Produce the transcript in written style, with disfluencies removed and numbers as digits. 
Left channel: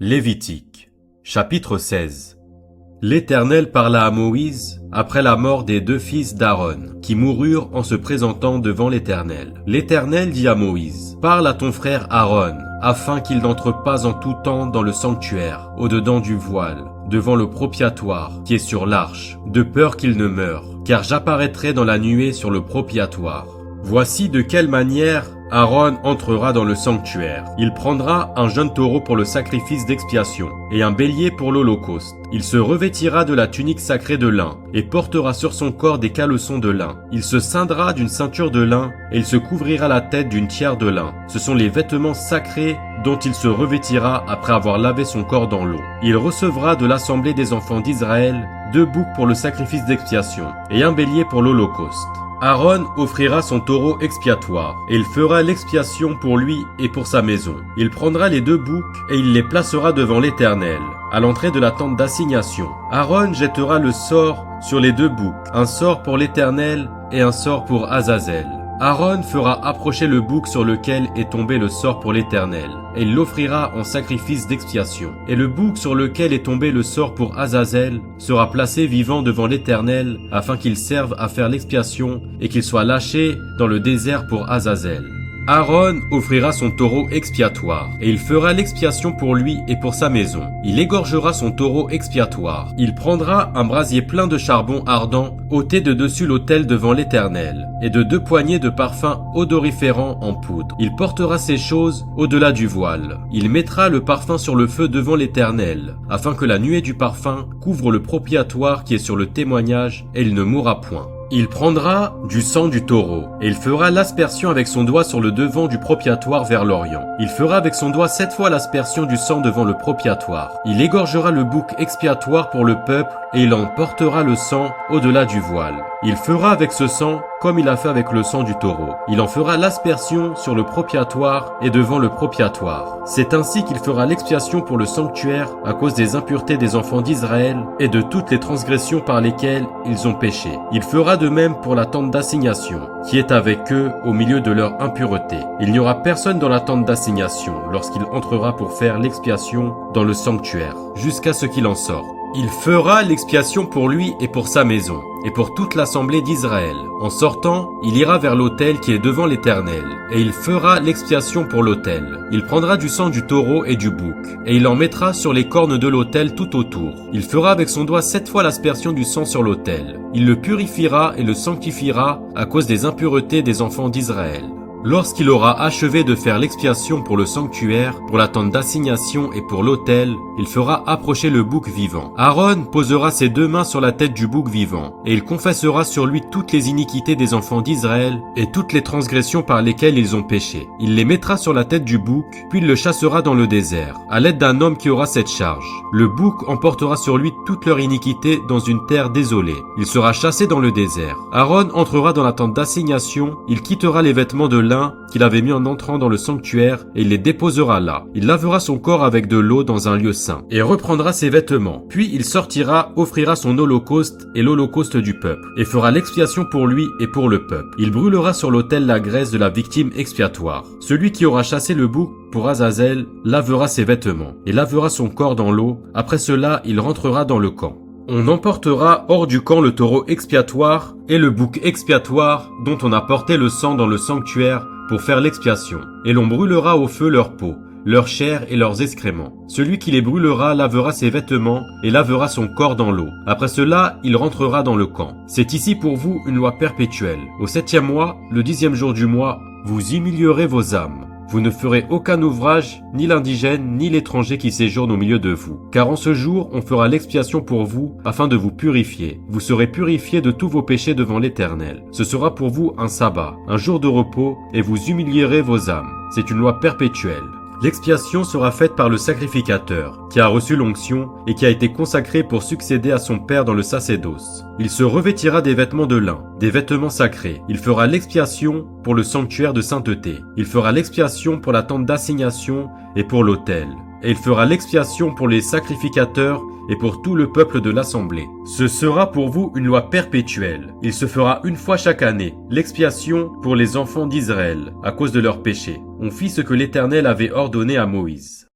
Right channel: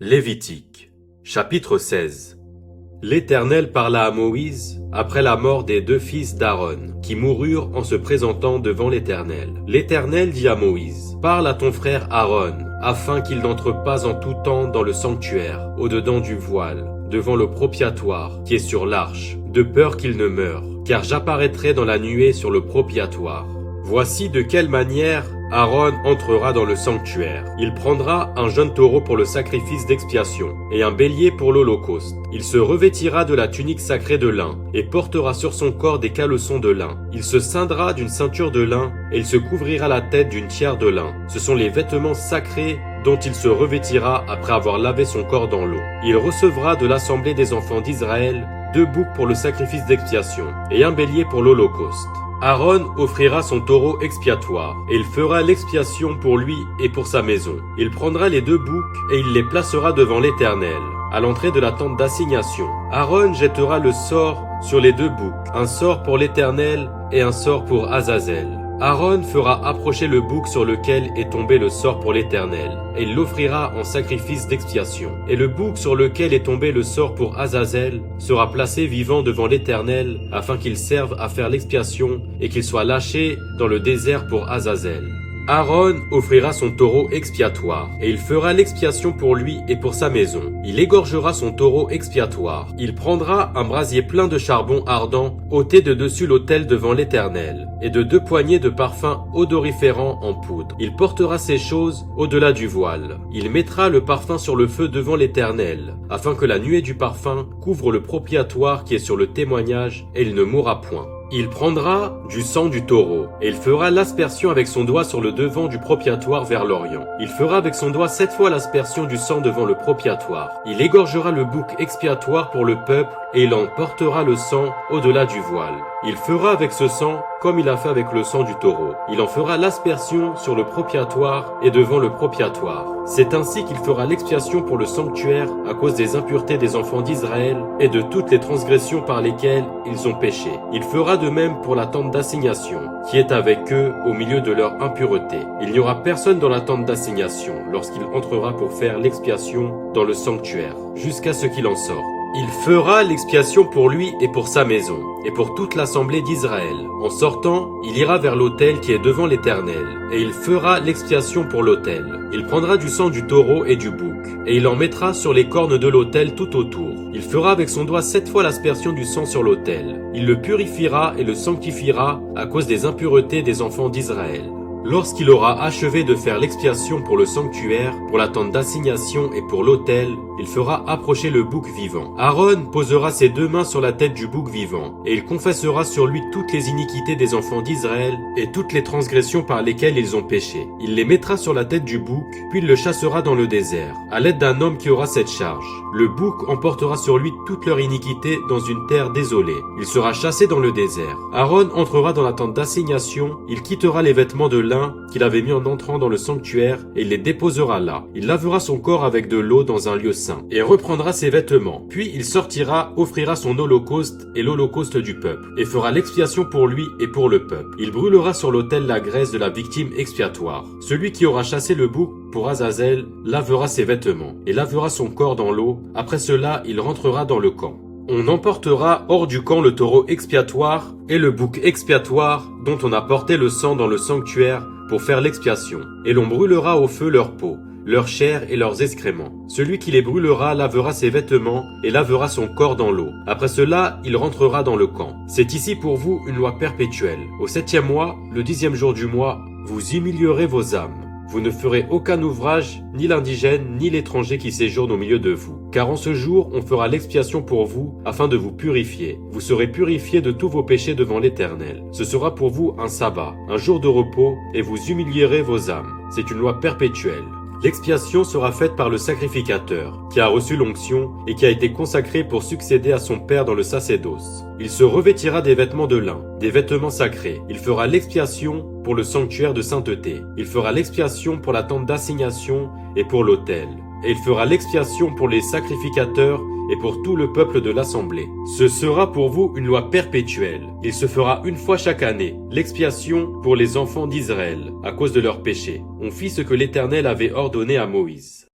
Lévitique, chapitre 16. L'Éternel parla à Moïse après la mort des deux fils d'Aaron, qui moururent en se présentant devant l'Éternel. L'Éternel dit à Moïse, « Parle à ton frère Aaron, afin qu'il n'entre pas en tout temps dans le sanctuaire, au-dedans du voile, devant le propiatoire, qui est sur l'arche, de peur qu'il ne meure, car j'apparaîtrai dans la nuée sur le propiatoire. Voici de quelle manière Aaron entrera dans le sanctuaire. Il prendra un jeune taureau pour le sacrifice d'expiation et un bélier pour l'holocauste. Il se revêtira de la tunique sacrée de lin et portera sur son corps des caleçons de lin. Il se ceindra d'une ceinture de lin et il se couvrira la tête d'une tiare de lin. Ce sont les vêtements sacrés dont il se revêtira après avoir lavé son corps dans l'eau. Il recevra de l'assemblée des enfants d'Israël 2 boucs pour le sacrifice d'expiation et un bélier pour l'holocauste. Aaron offrira son taureau expiatoire, et il fera l'expiation pour lui et pour sa maison. Il prendra les 2 boucs, et il les placera devant l'Éternel, à l'entrée de la tente d'assignation. Aaron jettera le sort sur les 2 boucs, un sort pour l'Éternel et un sort pour Azazel. Aaron fera approcher le bouc sur lequel est tombé le sort pour l'Éternel, et il l'offrira en sacrifice d'expiation. Et le bouc sur lequel est tombé le sort pour Azazel sera placé vivant devant l'Éternel, afin qu'il serve à faire l'expiation et qu'il soit lâché dans le désert pour Azazel. Aaron offrira son taureau expiatoire, et il fera l'expiation pour lui et pour sa maison. Il égorgera son taureau expiatoire. Il prendra un brasier plein de charbon ardent, ôté de dessus l'autel devant l'Éternel, et de 2 poignées de parfum odoriférant en poudre. Il portera ces choses au-delà du voile. Il mettra le parfum sur le feu devant l'Éternel, afin que la nuée du parfum couvre le propiatoire qui est sur le témoignage, et il ne mourra point. Il prendra du sang du taureau, et il fera l'aspersion avec son doigt sur le devant du propiatoire vers l'Orient. Il fera avec son doigt 7 fois l'aspersion du sang devant le propiatoire. Il égorgera le bouc expiatoire pour le peuple, et il en portera le sang au-delà du voile. Il fera avec ce sang comme il a fait avec le sang du taureau. Il en fera l'aspersion sur le propiatoire et devant le propiatoire. C'est ainsi qu'il fera l'expiation pour le sanctuaire à cause des impuretés des enfants d'Israël et de toutes les transgressions par lesquelles ils ont péché. Il fera de même pour la tente d'assignation, qui est avec eux au milieu de leur impureté. Il n'y aura personne dans la tente d'assignation lorsqu'il entrera pour faire l'expiation dans le sanctuaire, jusqu'à ce qu'il en sorte. Il fera l'expiation pour lui et pour sa maison, et pour toute l'assemblée d'Israël. En sortant, il ira vers l'autel qui est devant l'Éternel, et il fera l'expiation pour l'autel. Il prendra du sang du taureau et du bouc, et il en mettra sur les cornes de l'autel tout autour. Il fera avec son doigt 7 fois l'aspersion du sang sur l'autel. Il le purifiera et le sanctifiera à cause des impuretés des enfants d'Israël. Lorsqu'il aura achevé de faire l'expiation pour le sanctuaire, pour la tente d'assignation et pour l'autel, il fera approcher le bouc vivant. Aaron posera ses 2 mains sur la tête du bouc vivant, et il confessera sur lui toutes les iniquités des enfants d'Israël et toutes les transgressions par lesquelles ils ont péché. Il les mettra sur la tête du bouc, puis il le chassera dans le désert, à l'aide d'un homme qui aura cette charge. Le bouc emportera sur lui toute leur iniquité dans une terre désolée. Il sera chassé dans le désert. Aaron entrera dans la tente d'assignation, il quittera les vêtements de lin qu'il avait mis en entrant dans le sanctuaire et il les déposera là. Il lavera son corps avec de l'eau dans un lieu saint et reprendra ses vêtements. Puis il sortira, offrira son holocauste et l'holocauste du peuple et fera l'expiation pour lui et pour le peuple. Il brûlera sur l'autel la graisse de la victime expiatoire. Celui qui aura chassé le bouc pour Azazel lavera ses vêtements et lavera son corps dans l'eau. Après cela, il rentrera dans le camp. On emportera hors du camp le taureau expiatoire et le bouc expiatoire dont on a porté le sang dans le sanctuaire pour faire l'expiation, et l'on brûlera au feu leur peau, leur chair et leurs excréments. Celui qui les brûlera lavera ses vêtements et lavera son corps dans l'eau. Après cela, il rentrera dans le camp. C'est ici pour vous une loi perpétuelle. Au 7e mois, le 10e jour du mois, vous humilierez vos âmes. Vous ne ferez aucun ouvrage, ni l'indigène, ni l'étranger qui séjourne au milieu de vous. Car en ce jour, on fera l'expiation pour vous, afin de vous purifier. Vous serez purifiés de tous vos péchés devant l'Éternel. Ce sera pour vous un sabbat, un jour de repos, et vous humilierez vos âmes. C'est une loi perpétuelle. L'expiation sera faite par le sacrificateur, qui a reçu l'onction et qui a été consacré pour succéder à son père dans le sacerdoce. Il se revêtira des vêtements de lin, des vêtements sacrés. Il fera l'expiation pour le sanctuaire de sainteté. Il fera l'expiation pour la tente d'assignation et pour l'autel. Et il fera l'expiation pour les sacrificateurs et pour tout le peuple de l'assemblée. Ce sera pour vous une loi perpétuelle. Il se fera une fois chaque année, l'expiation pour les enfants d'Israël, à cause de leurs péchés. On fit ce que l'Éternel avait ordonné à Moïse.